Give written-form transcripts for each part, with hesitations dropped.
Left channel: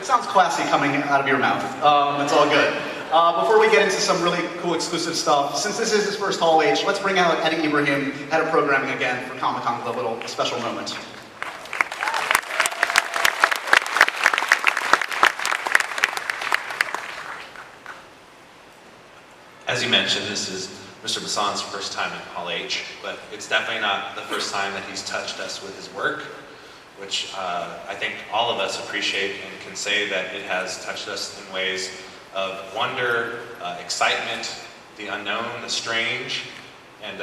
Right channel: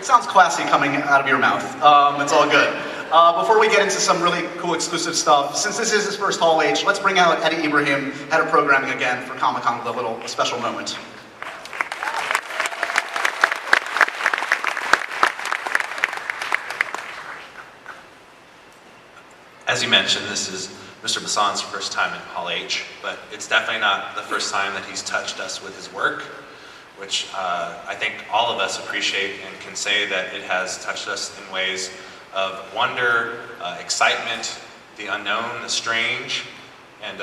It sounds classy coming out of your mouth. It's all good. Before we get into some really cool exclusive stuff, since this is his first Hall H, let's bring out Eddie Ibrahim, head of programming again for Comic-Con with a little special moment. As you mentioned, this is Mr. Besson's first time at Hall H, but it's definitely not the first time that he's touched us with his work, which I think all of us appreciate and can say that it has touched us in ways of wonder, excitement, the unknown, the strange, and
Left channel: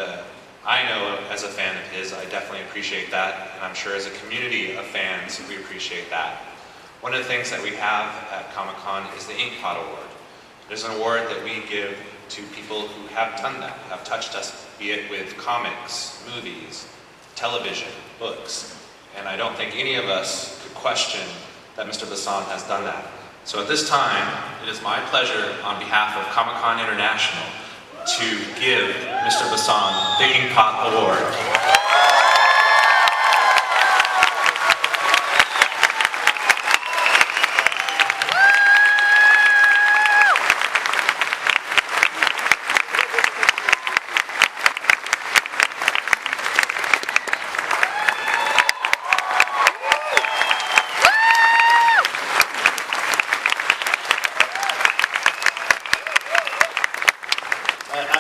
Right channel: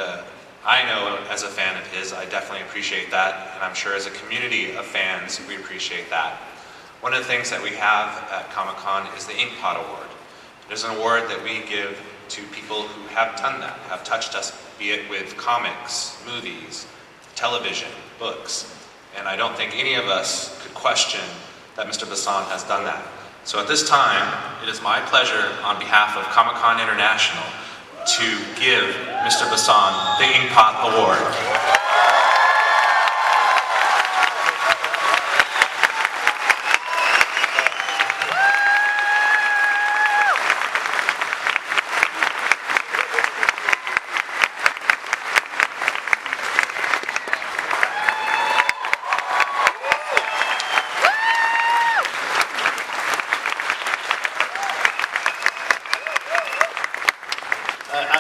I know as a fan of his, I definitely appreciate that, and I'm sure as a community of fans, we appreciate that. One of the things that we have at Comic-Con is the Inkpot Award. It is an award that we give to people who have done that, have touched us, be it with comics, movies, television, books. And I don't think any of us could question that Mr. Besson has done that. So at this time, it is my pleasure on behalf of Comic-Con International to give Mr. Besson the Inkpot Award.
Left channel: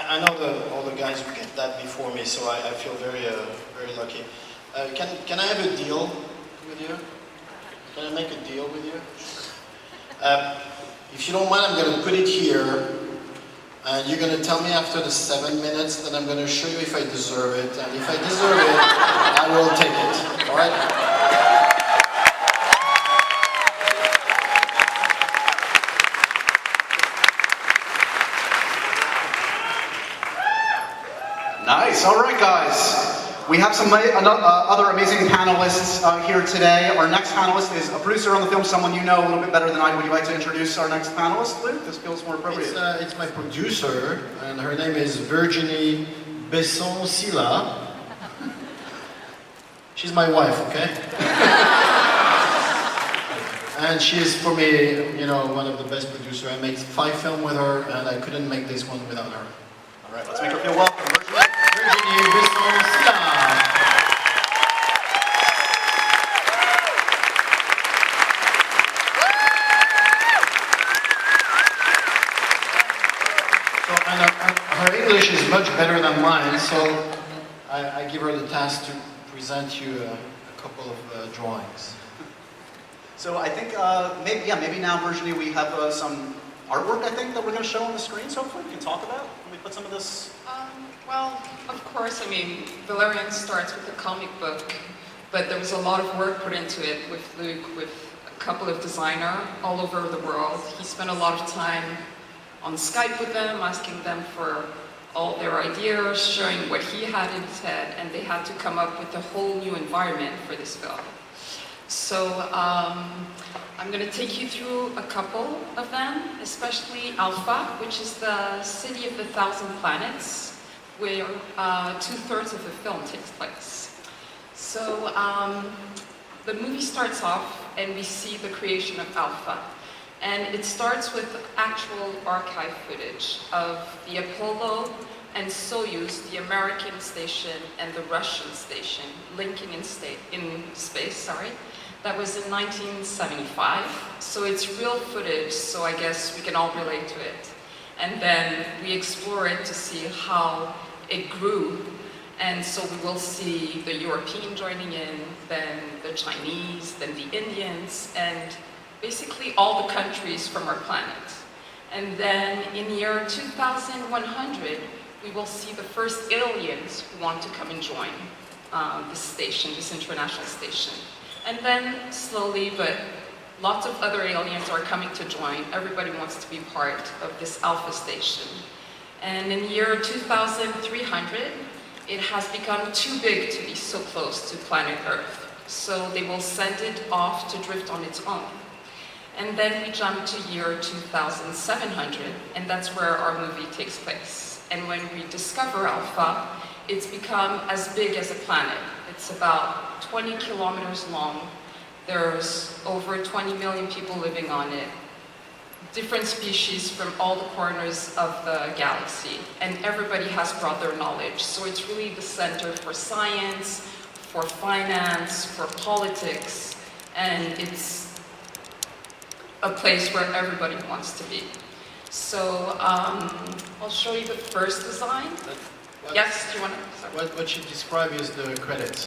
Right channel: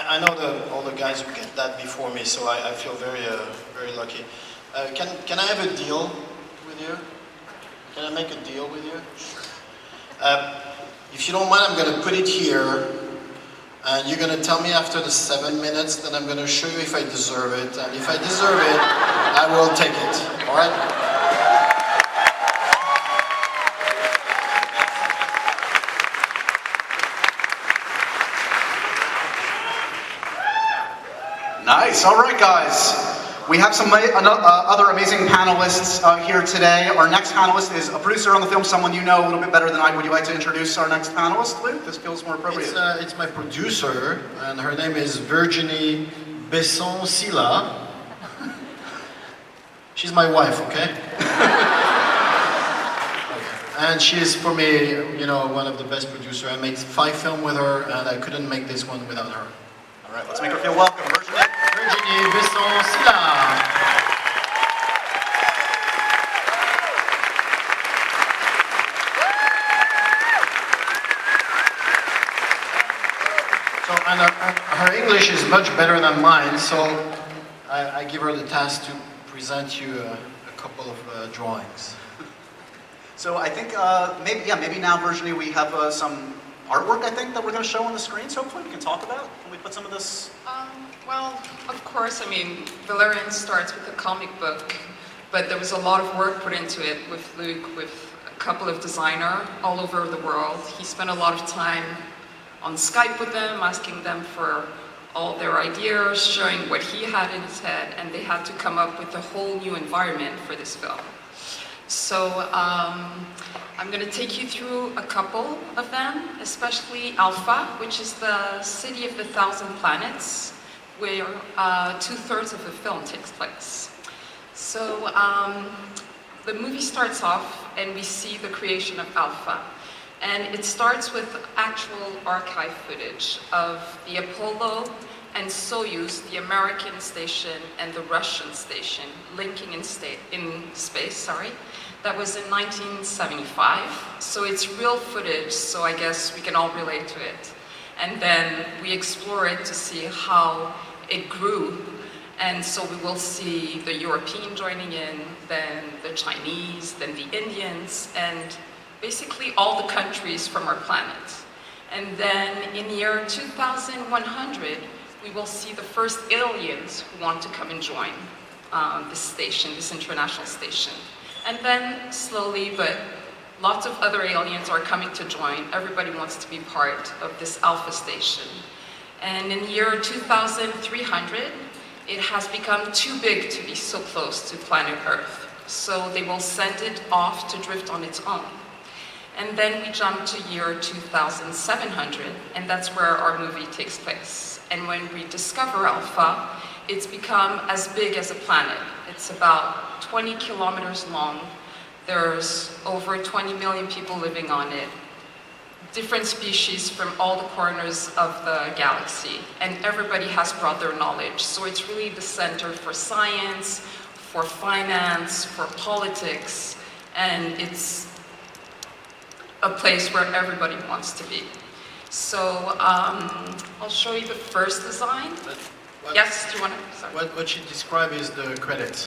I know all the guys who get that before me, so I feel very lucky. Can I have a deal with you? Can I make a deal with you? If you don't mind, I'm going to put it here, and you're going to tell me after the 7 minutes, then I'm going to show you if I deserve it, and if I deserve it, I will take it. All right? Nice, all right guys. We have some other amazing panelists here today. Our next panelist is a producer on the film, someone you know a little bit better than I. Would you like to introduce our next panelist, Luc? This feels more appropriate. It's my producer, and her name is Luc Besson Silla. She's my wife, okay? And she is, for me, you know, one of the best producers. I made 5 films with her, and I couldn't make this one without her. All right, let's make her feel welcome. Luc Besson Silla. So, and her English is much better than mine, so I give her the task to present you a couple of drawings. So I think maybe now, Virginie, we have some artwork, I think, that we're going to show on the screen, so hopefully we can talk about. Can we put some of this? Well, of course, I mean, Valerian starts with a comic book, but there was a lot of work put into it with Luc, with a couple of designers all over the world. He spent a lot of time on Skype with them, asking them for all their ideas, showing what he had in his head, and they had to come up with a whole new environment for this film. So I'm going to take you through a couple of them, especially Alpha, which is the city of the 1,000 planets, where 2/3 of the film takes place. So the movie starts off and we see the creation of Alpha. And it starts with actual archive footage of the Apollo and Soyuz, the American station and the Russian station, linking in space. That was in 1975. So it's real footage, so I guess we can all relate to it. And then we explore it to see how it grew. And so we will see the European joining in, then the Chinese, then the Indians, and basically all the countries from our planet. And then in year 2100, we will see the first aliens who want to come and join this station, this international station. And then slowly, but lots of other aliens are coming to join. Everybody wants to be part of this Alpha station. And in year 2300, it has become too big to be so close to planet Earth. So they will send it off to drift on its own. And then we jump to year 2700, and that's where our movie takes place. And when we discover Alpha, it's become as big as a planet. It's about 20 kilometers long, There's over 20 million people living on it. Different species from all the corners of the galaxy, and everybody has brought their knowledge. So it's really the center for science, for finance, for politics, and it's a place where everybody wants to be. So I'll show you the first design. Yes, do you want to? What you describe is the credits.